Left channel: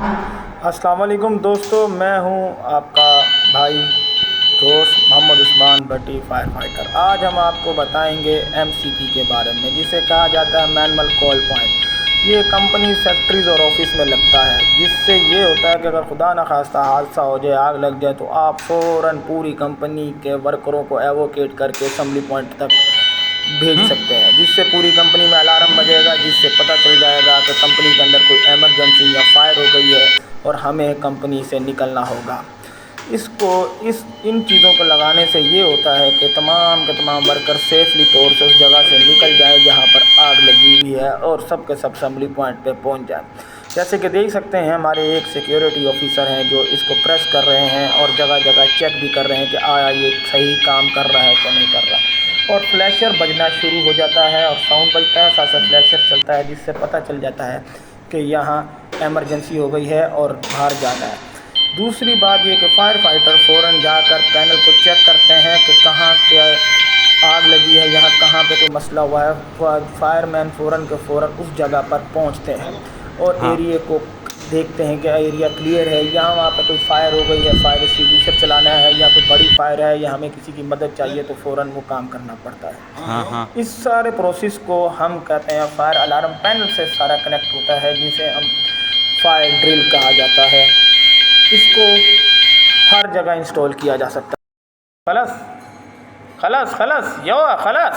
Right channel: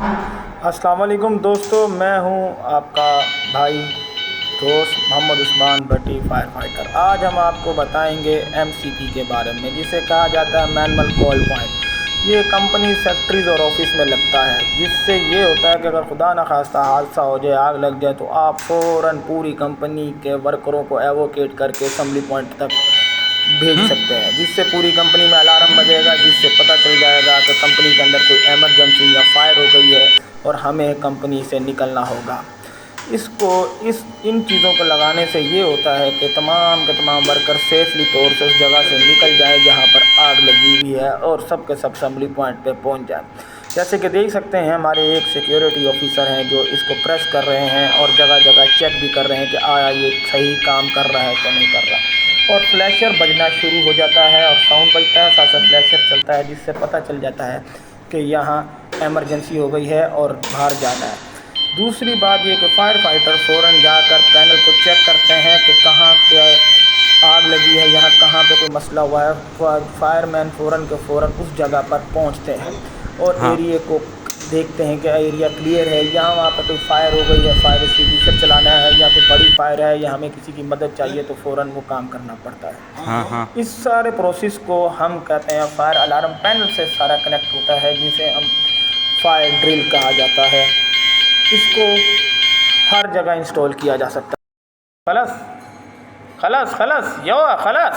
السلام علیکم دوستو، میں ہوں آپ کا بھائی دوست محمد عثمان بٹی فائر فائٹر۔ آج ہم آپ کو بتائیں گے MCP کے بارے میں، جسے کہا جاتا ہے مینول کال پوائنٹ۔ یہ کمپنی فیکٹریز اور آفس میں لگتا ہے، جس سے یہ ہوتا ہے کہ اگر خدا نخواستہ حادثہ ہو جائے، آگ لگ جائے، تو آپ فوراً پوری کمپنی کے ورکروں کو ایووکیٹ کر کے اسمبلی پوائنٹ تک بھیج سکتے ہیں، جس سے پوری کمپنی میں الارم بجے گا، جس سے پتہ چل جائے گا کہ کمپنی کے اندر کوئی ایمرجنسی یا فائر ہو گئی ہے اور ہمیں کمپنی سے نکلنا ہوگا۔ ان چیزوں کو لگانے سے یہ ہوتا ہے کہ تمام کے تمام ورکر سیفلی طور سے اس جگہ سے نکل جائیں جہاں پر آگ لگی ہوئی ہے، اور سب کے سب اسمبلی پوائنٹ پہ پہنچ جائیں۔ جیسے کہ دیکھ سکتے ہیں، ہمارے ایک سیکیورٹی آفیسر ہیں جو اس کو پریس کر رہے ہیں اور جگہ جگہ چیک بھی کر رہے ہیں کہ آیا یہ صحیح کام کر رہا ہے کہ نہیں کر رہا۔ اور فلیشر بجنا شروع ہو جاتا ہے، اور ساؤنڈ بجتا ہے، ساتھ ساتھ فلیشر چلتا ہے، جس سے پتہ چل جاتا ہے کہ یہاں ایمرجنسی ہو گئی ہے اور باہر جانا ہے۔ دوسری بات یہ کہ فائر فائٹر فوراً جا کر پینل کو چیک کرتے ہیں کہ کہاں کیا آگ لگی ہے، یہاں کہاں پہ کوئی مسئلہ ہوا ہے۔ فائر مین فوراً کے فوراً اس جگہ پر پہنچتے ہیں اور ہاں ایریے کو دیکھتے ہیں کہ ایریا کلیئر ہے، یہاں وہاں پہ کوئی فائر ہو گئی ہے، فائر ایکسٹنگوشر چلانا ہے، یا کوئی بڑی فائر ہے، یا ہمیں کسی کی مدد چاہیے، تو فوراً وہ کام کرنا پڑتا ہے۔ ہاں ہاں اس سارے پروسیس کو ہم کہتے ہیں فائر الارم پینل سے سارا کنیکٹ ہوتا ہے، جسے ہم فائر ڈرل کہا جاتا ہے۔ اس کو ہر جگہ انسٹال کیا جا سکتا ہے۔ خلاص خلاص خلاص خلاص